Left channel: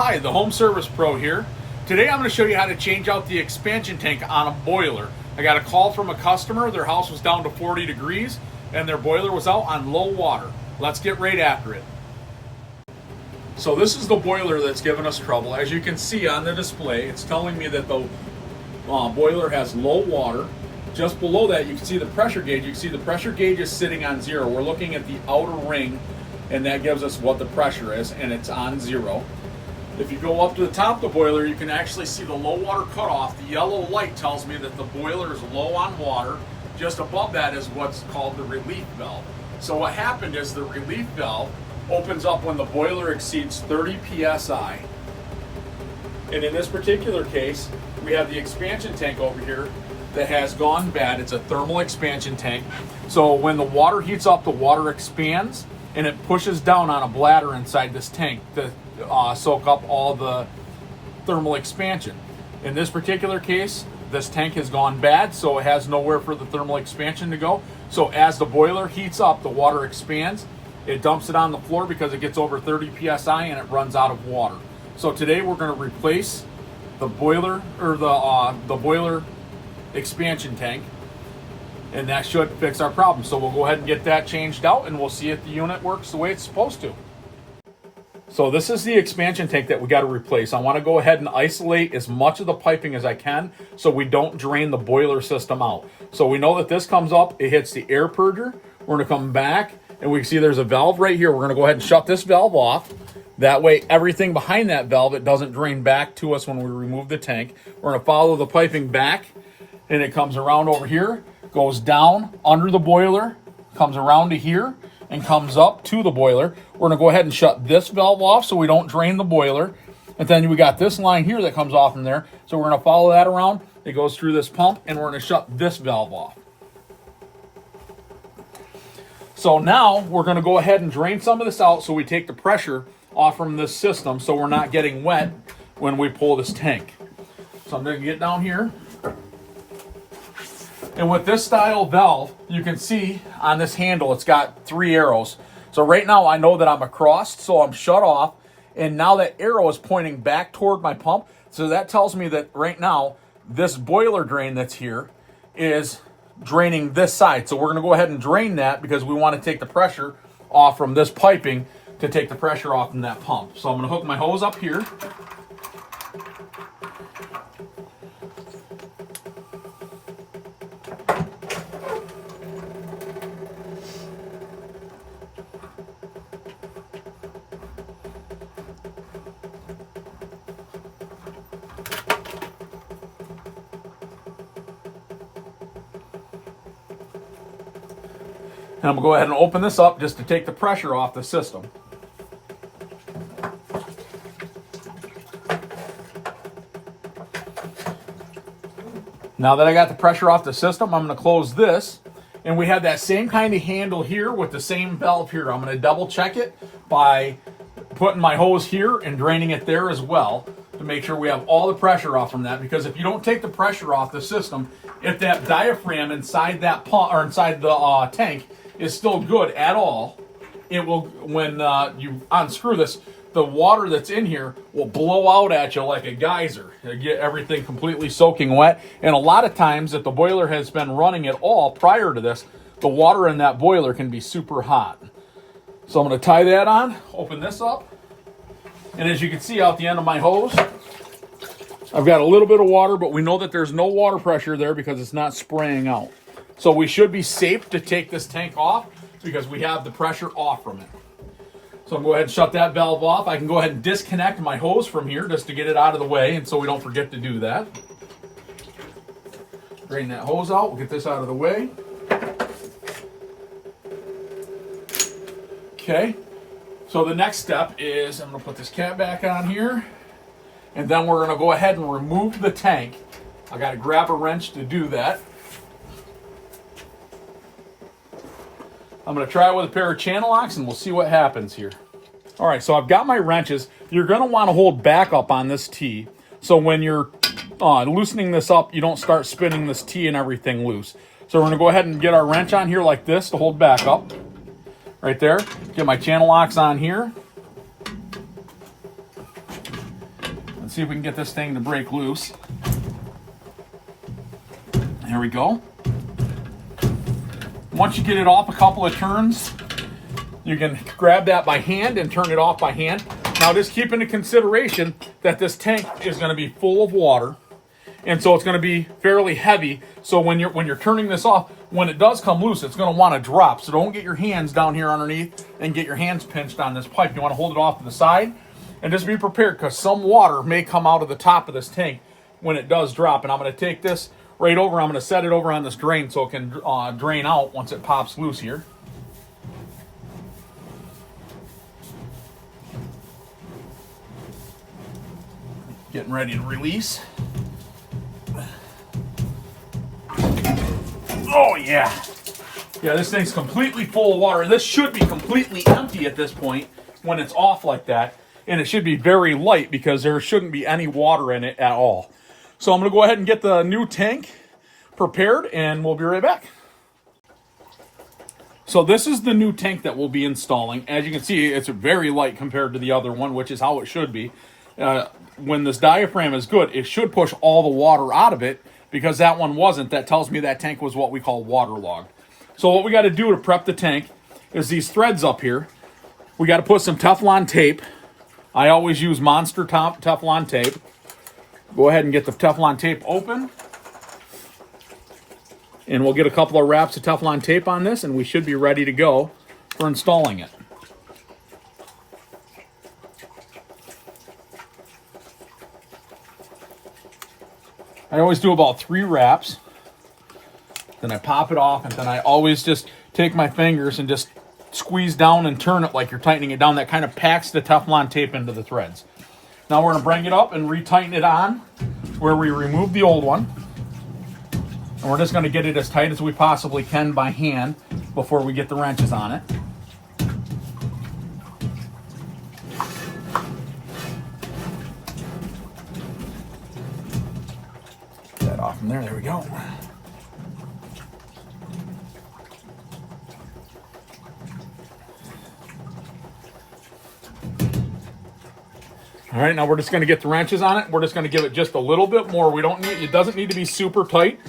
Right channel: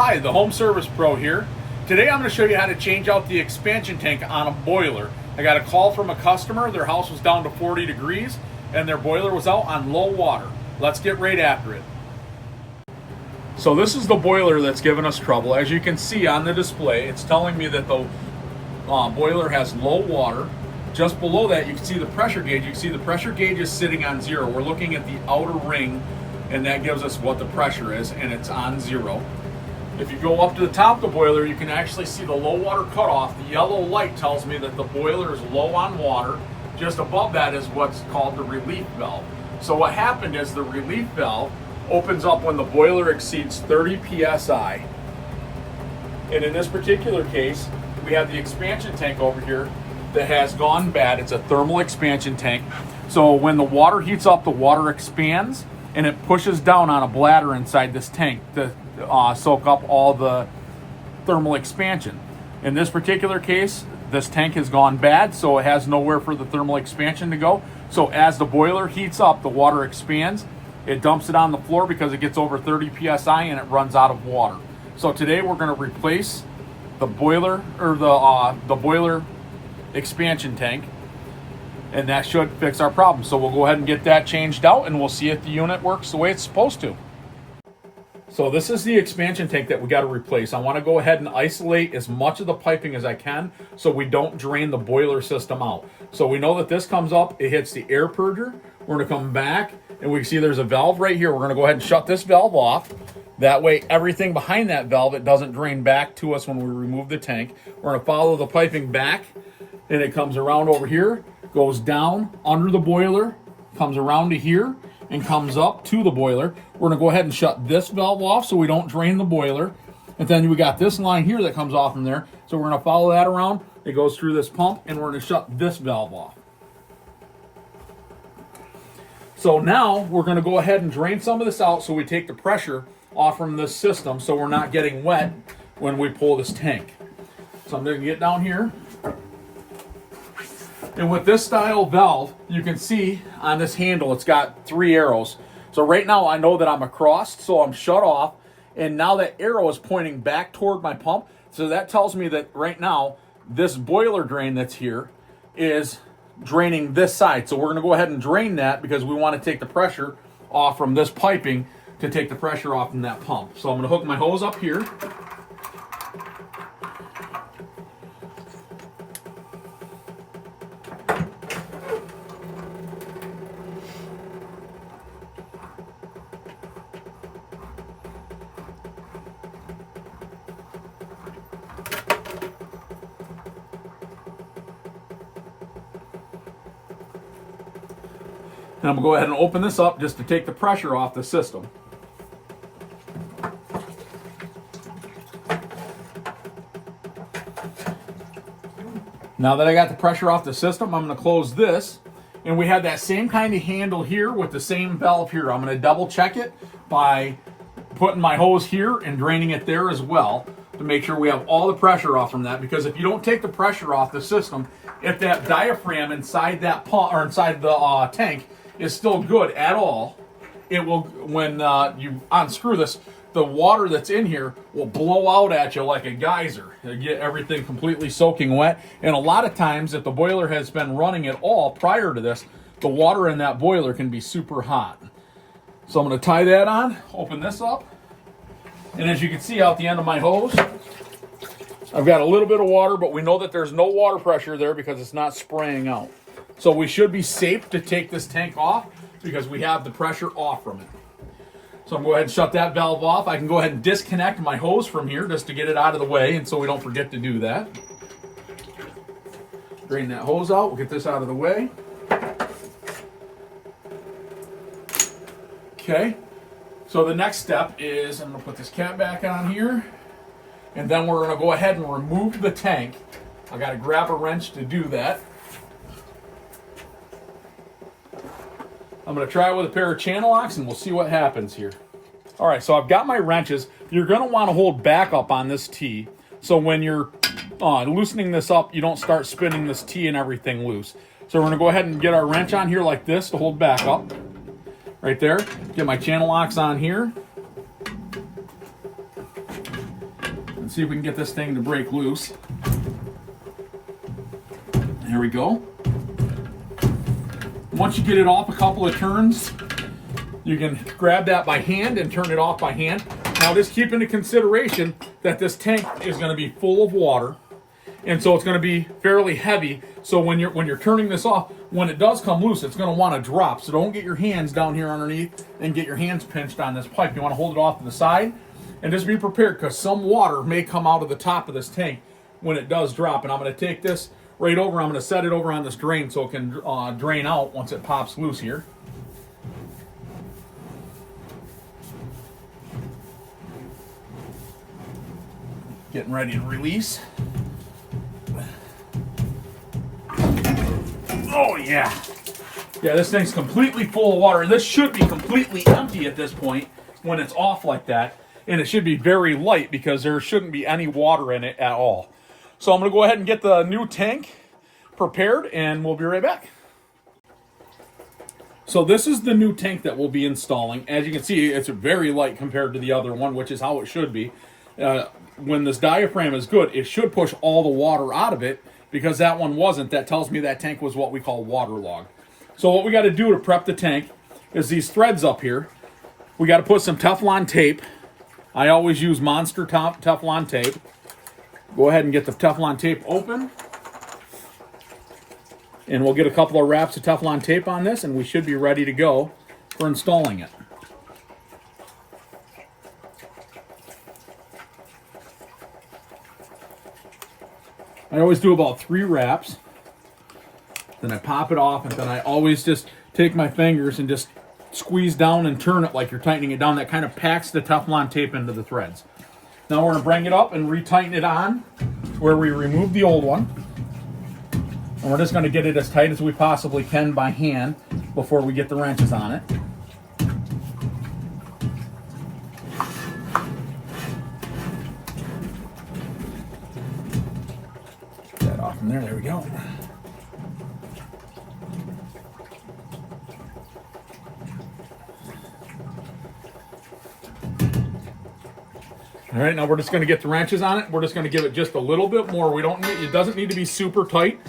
Hi, the Home Service Pro here. Today I'm going to show you how to change out the expansion tank on a boiler. I got a call from a customer. Their house was down to 40 degrees and their boiler was out on low water. Let's get right after it. So this is the boiler that's giving us trouble. As you can see on the display, it's telling me that the boiler has low water. Just below that, you can see the pressure gauge. You can see the pressure gauge is sitting on 0. We're looking at the outer ring, and that gives us what the pressure is, and it's on 0. If you go up to the top of the boiler, you can actually see the low water cutoff. The yellow light tells me that the boiler is low on water. Just above that is what's called the relief valve. So what happened is the relief valve opens up when the boiler exceeds 30 psi. And in this particular case, we have the expansion tank over here that has gone bad. It's a thermal expansion tank. So when the water heats up, the water expands and it pushes down on a bladder inside this tank to soak up all the thermal expansion. In this particular case, this tank has gone bad, so it has nowhere for the thermal expansion to go. So as the boiler heats up, the water expands, it dumps it on the floor because it gets over 30 psi and it runs out of water. So today we're going to replace the boiler, or the boiler expansion tank, and that should fix our problem. So we'll go ahead and get that changed out and we'll see if the unit works the way it's supposed to. So this is the expansion tank that we got to replace. I want to go ahead and isolate as much of the piping as I can so we don't drain the boiler system out. So we know that this comes up, it hits the air purger. We're going to come back and we can see there's a valve right here. We're going to go ahead and shut this valve off. That way everything behind that valve, it doesn't drain back to us when we remove the tank. We're going to follow the piping back and it comes around over here, goes down under the boiler, comes around to here, and comes up to the boiler. We're gonna go ahead and shut this valve off so we don't drain the boiler. And then we got this line here that comes off from there. So we're gonna follow that around. It goes through this pump and we're gonna shut this valve off. So now we're gonna go ahead and drain some of this out so we take the pressure off from this system so we're not getting wet when we pull this tank. So I'm gonna get down here. And with this style valve, you can see on this handle, it's got 3 arrows. So right now I know that I'm across, so I'm shut off. And now that arrow is pointing back toward my pump. So that tells me that right now, this boiler drain that's here is draining this side. So we're gonna go ahead and drain that because we wanna take the pressure off from this piping to take the pressure off from that pump. So I'm gonna hook my hose up here. And I'm going to go ahead and open this up just to take the pressure off the system. Now that I got the pressure off the system, I'm going to close this. And we have that same kind of handle here with the same valve here. I'm going to double check it by putting my hose here and draining it there as well to make sure we have all the pressure off from that. Because if you don't take the pressure off the system, if that diaphragm inside that pump or inside the tank is still good at all, it will, when you unscrew this, the water that's in here will blow out at you like a geyser. You'll get everything completely soaking wet. And a lot of times, if the boiler has been running at all prior to this, the water in that boiler can be super hot. So I'm going to tie that on, open this up. And as you can see out the end of my hose, I've got a little bit of water, but we know that there's no water pressure there because it's not spraying out. So we should be safe to take this tank off because we have the pressure off from it. So I'm going to go ahead and shut that valve off. I can go ahead and disconnect my hose from here just to get it out of the way, and so we don't forget to do that. Drain that hose out. We'll get this out of the way. Okay. So the next step is I'm going to put this cap back on here, and then we're going to go ahead and remove the tank. I got to grab a wrench to do that. I'm going to try it with a pair of channel locks and we'll see what happens here. All right, so I've got my wrenches. You're going to want to hold back up on this T. So when you're loosening this up, you don't start spinning this T and everything loose. So we're going to go ahead and get our wrench on here like this to hold back up. Right there. Get my channel locks on here. Let's see if we can get this thing to break loose. There we go. Once you get it off a couple of turns, you can grab that by hand and turn it off by hand. Now just keep into consideration that this tank is going to be full of water, and so it's going to be fairly heavy. So when you're turning this off, when it does come loose, it's going to want to drop. So don't get your hands down here underneath and get your hands pinched on this pipe. You want to hold it off to the side and just be prepared, because some water may come out of the top of this tank when it does drop. And I'm going to take this right over. I'm going to set it over on this drain so it can drain out once it pops loose here. Getting ready to release. Oh yeah. Yeah, this thing's completely full of water. This should be completely empty at this point when it's off like that. And it should be very light because there shouldn't be any water in it at all. So I'm going to go ahead and get the new tank prepared, and we'll be right back. So this is the new tank that we'll be installing. As you can see, it's very light compared to the other one, which is how it should be. When this diaphragm is good, it should push all the water out of it, because that one wasn't. That tells me that tank was what we call waterlogged. So what we got to do to prep the tank is these threads up here. We got to put some Teflon tape. I always use Monster Teflon tape. Go ahead and get the Teflon tape open. And we'll get a couple of wraps of Teflon tape on this, and we should be ready to go for installing it. I always do about 3 wraps. Then I pop it off, and then I always just take my fingers and just squeeze down and turn it like you're tightening it down. That kind of packs the Teflon tape into the threads. Now we're going to bring it up and retighten it on where we removed the old one. And we're just going to get it as tight as we possibly can by hand before we get the wrenches on it. Get that off from there. There we go. All right, now we're just going to get the wrenches on it. We're just going to give it just a little bit more. We don't need, it doesn't need to be super tight,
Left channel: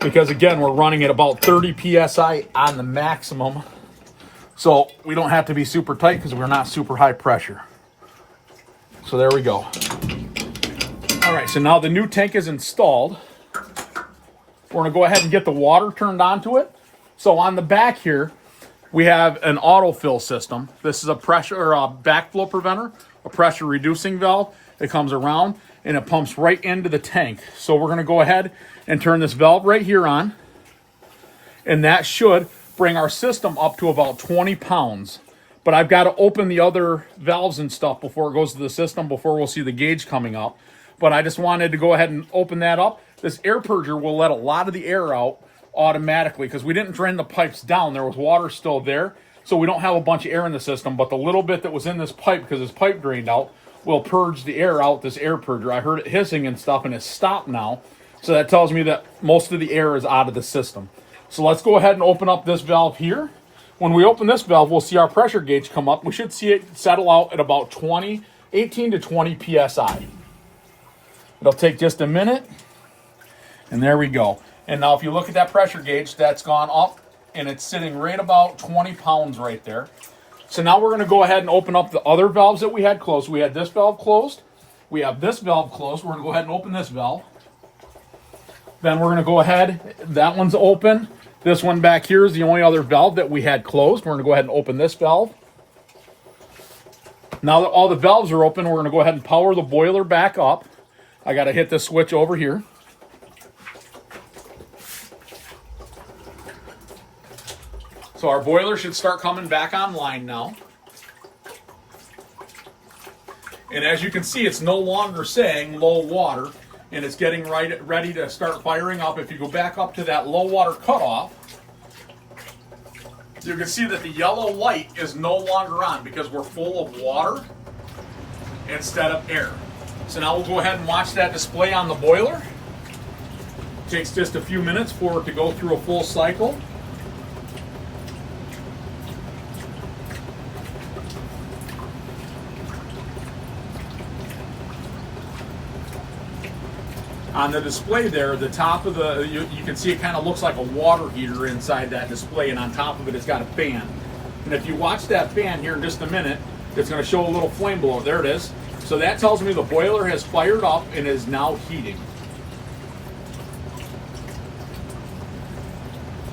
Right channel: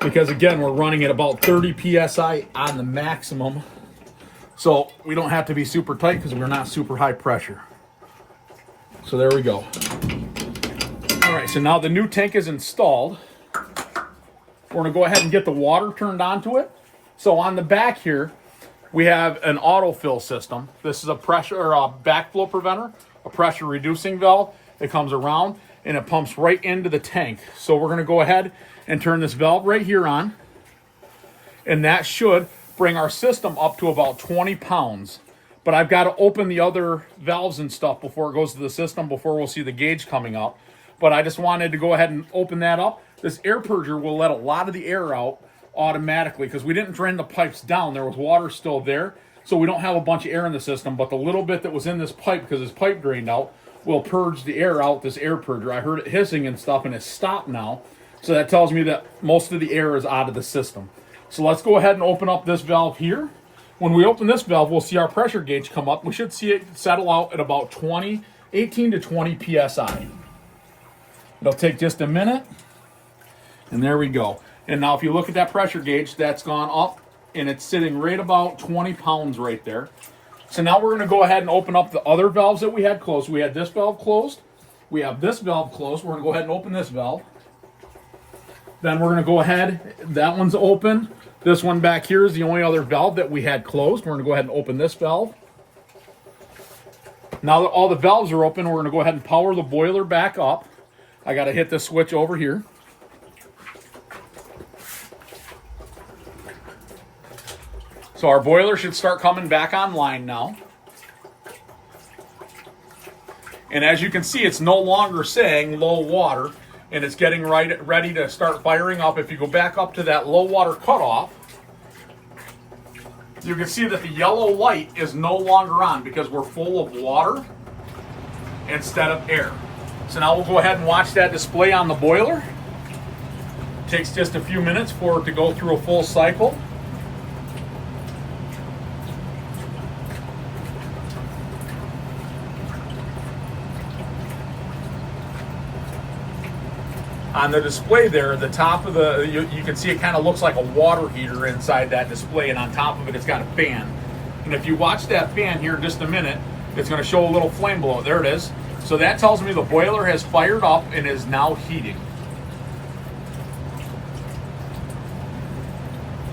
because again, we're running at about 30 psi on the maximum. So we don't have to be super tight because we're not super high pressure. So there we go. All right, so now the new tank is installed. We're going to go ahead and get the water turned onto it. So on the back here, we have an autofill system. This is a pressure or a backflow preventer, a pressure reducing valve. It comes around and it pumps right into the tank. So we're going to go ahead and turn this valve right here on, and that should bring our system up to about 20 pounds. But I've got to open the other valves and stuff before it goes to the system, before we'll see the gauge coming up. But I just wanted to go ahead and open that up. This air purger will let a lot of the air out automatically, because we didn't drain the pipes down. There was water still there, so we don't have a bunch of air in the system, but the little bit that was in this pipe, because this pipe drained out, will purge the air out, this air purger. I heard it hissing and stuff, and it's stopped now, so that tells me that most of the air is out of the system. So let's go ahead and open up this valve here. When we open this valve, we'll see our pressure gauge come up. We should see it settle out at about 18 to 20 psi. It'll take just a minute, and there we go. And now if you look at that pressure gauge, that's gone up, and it's sitting right about 20 pounds right there. So now we're going to go ahead and open up the other valves that we had closed. We had this valve closed. We have this valve closed. We're going to go ahead and open this valve. Then we're going to go ahead, that one's open. This one back here is the only other valve that we had closed. We're going to go ahead and open this valve. Now that all the valves are open, we're going to go ahead and power the boiler back up. I got to hit this switch over here. So our boiler should start coming back online now. And as you can see, it's no longer saying low water, and it's getting ready to start firing up. If you go back up to that low water cutoff, you can see that the yellow light is no longer on because we're full of water instead of air. So now we'll go ahead and watch that display on the boiler. It takes just a few minutes for it to go through a full cycle. On the display there, the top of you can see it kind of looks like a water heater inside that display, and on top of it, it's got a fan. And if you watch that fan here in just a minute, it's going to show a little flame below it. There it is. So that tells me the boiler has fired up and is now heating.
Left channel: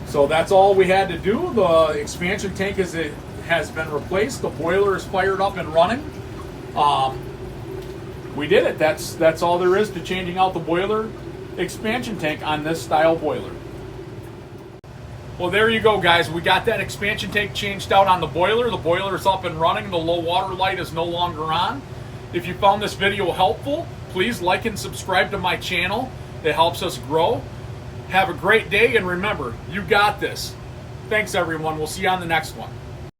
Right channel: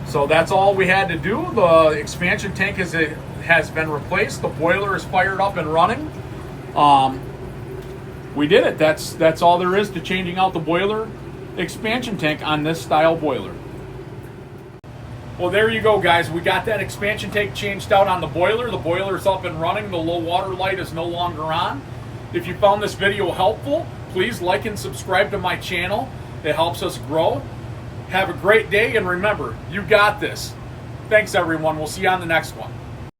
So that's all we had to do. The expansion tank has been replaced. The boiler is fired up and running. We did it. That's all there is to changing out the boiler expansion tank on this style boiler. Well, there you go, guys. We got that expansion tank changed out on the boiler. The boiler is up and running. The low water light is no longer on. If you found this video helpful, please like and subscribe to my channel. It helps us grow. Have a great day, and remember, you got this. Thanks, everyone. We'll see you on the next one.